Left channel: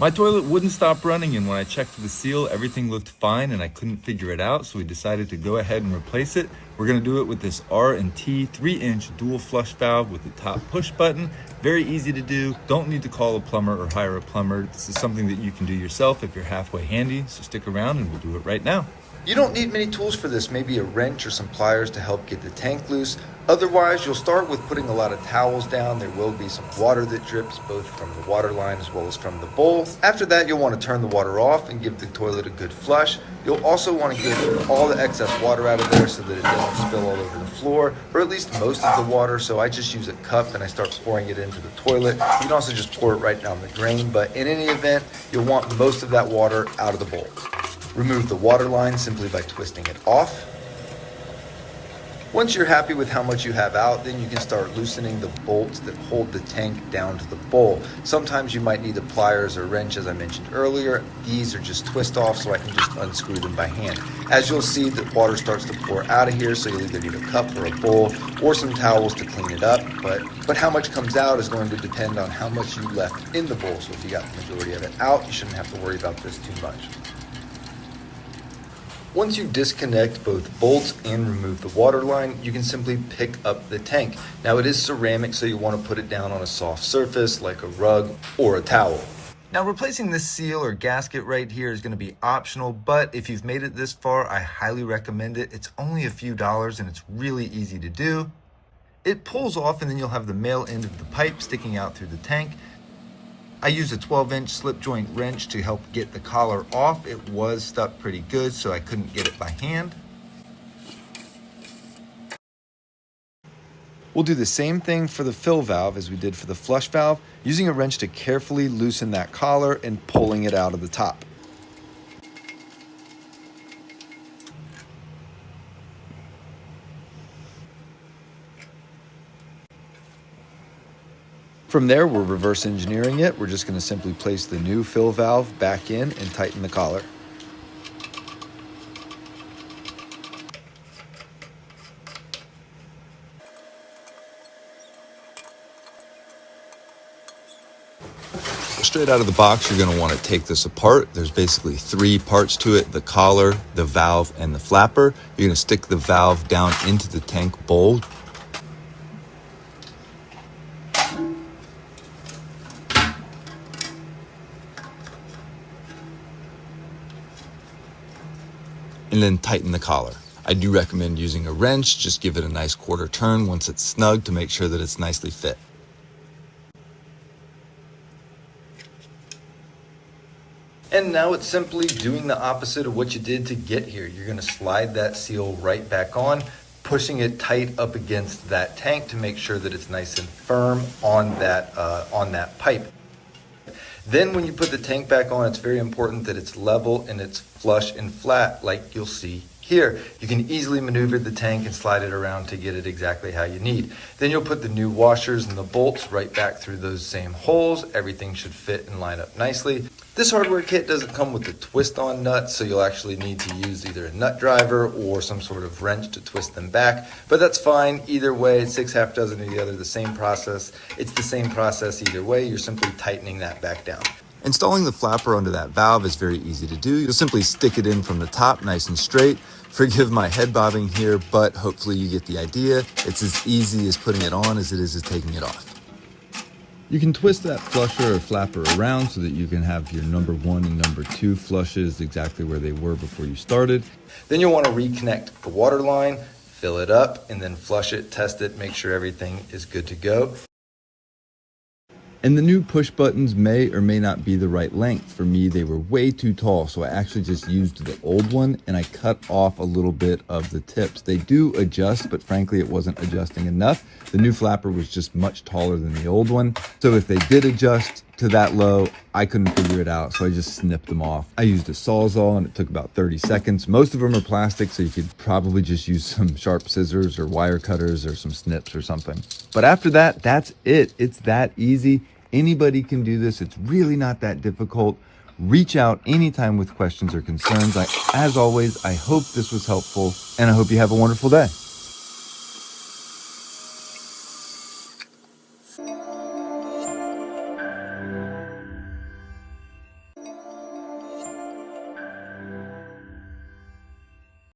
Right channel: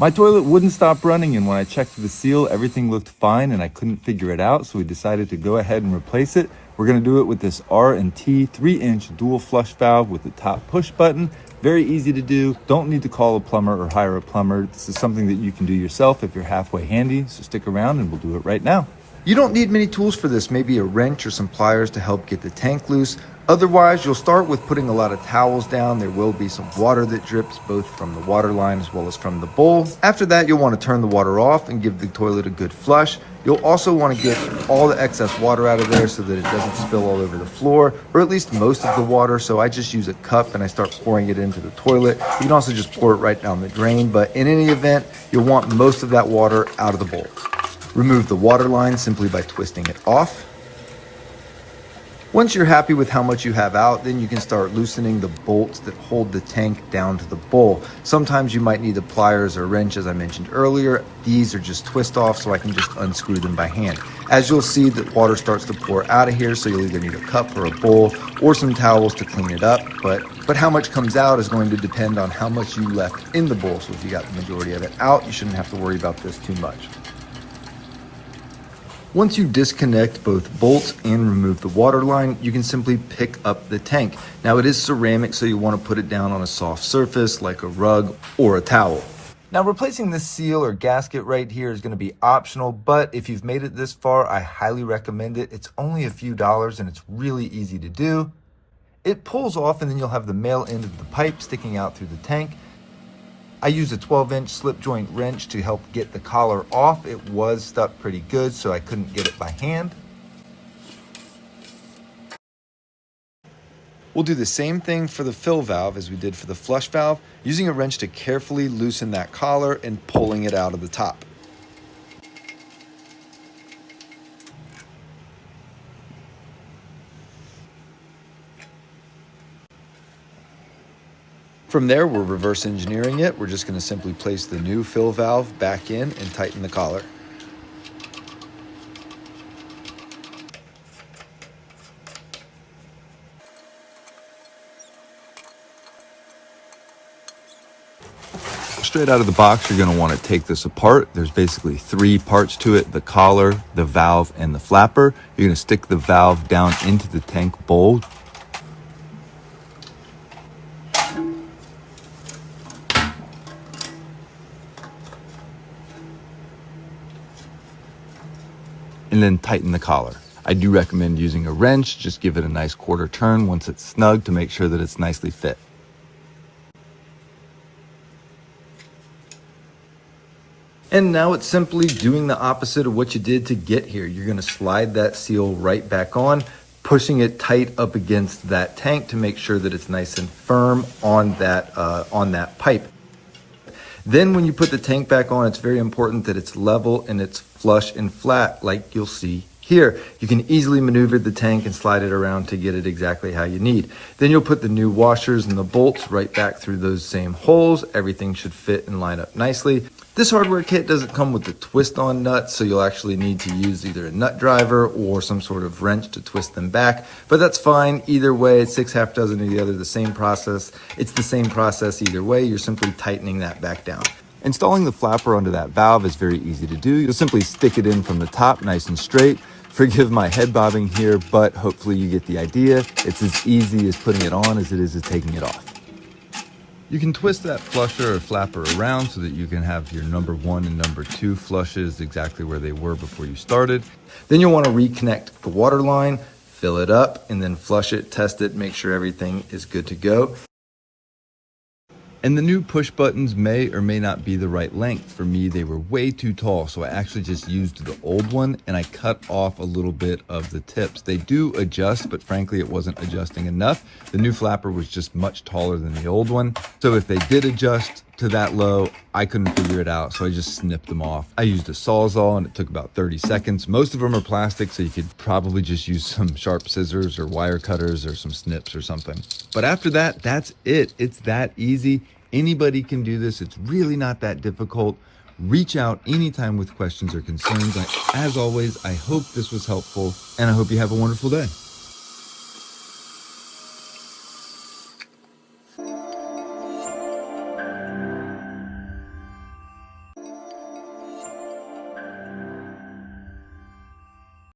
My toilet wouldn't stop running, and when I checked the seal, everything looked fine and I couldn't figure it out, so we decided to go ahead and replace it. We're gonna do it with this R&T 3-inch dual flush valve with the top push button. Very easy to do. Don't need to call a plumber or hire a plumber. This is something that you can do yourself if you're halfway handy, so stick around and we'll do it right now. You don't need many tools for this, maybe a wrench or some pliers to help get the tank loose. Otherwise, you'll start with putting a lot of towels down. There will be some water that drips both from the water line as well as from the bowl. After that, you'll want to turn the water off and give the toilet a good flush. You'll also want to get all the excess water out of there so that it doesn't spill all over the floor, or at least most of the water. So I just use a cup and I start pouring it into the toilet. You can also just pour it right down the drain, but in any event, you'll want most of that water out of the bowl. Remove the water line simply by twisting it off. Once you're happy with how much you have out, then you can start loosening the bolts that hold the tank down to the bowl. Sometimes you might need a pliers or wrench, as I mentioned earlier. These are just twist off, so I can just unscrew them by hand. As you'll see, the water starts to pour out of here, so you'll either need a cup or a bowl or some towels to clean it up. But how much comes out is going to depend on how much you left in the bowl. So if you got the majority of it out, you shouldn't have to worry about this too much. Once you disconnect both bolts and remove the water line, you can simply pick up the tank. Now it is ceramic, so you want to put it down on a soft surface like a rug or a towel. Now replacing this seal or gasket right here is going to be optional, but if you've made it this far, I highly recommend it. It's only a few dollars and it's really easy to do. It pulls off and then you'll have the male end of the pipe sticking out through the tank. I used a 12-inch slip joint wrench to help get the collar off. It was stuck pretty good, so I couldn't get it by hand. We'll do the same thing for the fill valve as we did for the flush valve, using a wrench to carefully loosen that collar and pulling it out of the top. From there, we're reverse engineering it. We're just going to simply place the new fill valve back in and tighten the collar. Straight out of the box, you're going to want to take this apart. There's basically 3 parts to it: the collar, the valve, and the flapper. You're going to stick the valve down into the tank bowl. And then tighten the collar. I do recommend using a wrench. Just give it a nice quarter turn once it's snug to make sure that it's nicely fit. And now it's simply doing the opposite of what you did to get here. You're going to slide that seal right back on, pushing it tight up against that tank to make sure that it's nice and firm on that pipe. Then when you put the tank back on, it's very important that it's level and it's flush and flat like you'll see here. You can easily maneuver the tank and slide it around to get it exactly how you need. Then you'll put the new washers and the bolts right back through those same holes. Everything should fit and line up nicely. This hardware kit doesn't come with the twist-on nuts, so you'll actually need to use either a nut driver or some sort of wrench to twist them back, but that's fine. Either way, 6 half dozen of the other, the same process. It's the same process either way. You're simply tightening that back down. Installing the flapper onto that valve is very easy to do. You'll simply stick it in from the top nice and straight. Forgive my head bobbing here, but hopefully you get the idea. It's as easy as putting it on as it is as taking it off. You can twist that flusher or flapper around so that you can have your number 1 and number 2 flushes exactly where they were before you started. Then you'll want to reconnect the water line, fill it up, and then flush it, test it, make sure everything is good to go. And the new push buttons may or may not be the right length. For me, they were way too tall, so I actually just used the old one and I cut off a little bit of the tips. They do adjust, but frankly, it wasn't adjusting enough. The new flapper was just much taller than the old one. So if they did adjust to that low, I couldn't figure it out, so I just snipped them off. I used a Sawzall and it took about 30 seconds. Most of them are plastic, so you could probably just use some sharp scissors or wire cutters or some snips or something. But after that, that's it. It's that easy. Anybody can do this. It's really not that difficult. Reach out anytime with questions or concerns. As always, I hope this was helpful, and I hope you have a wonderful day.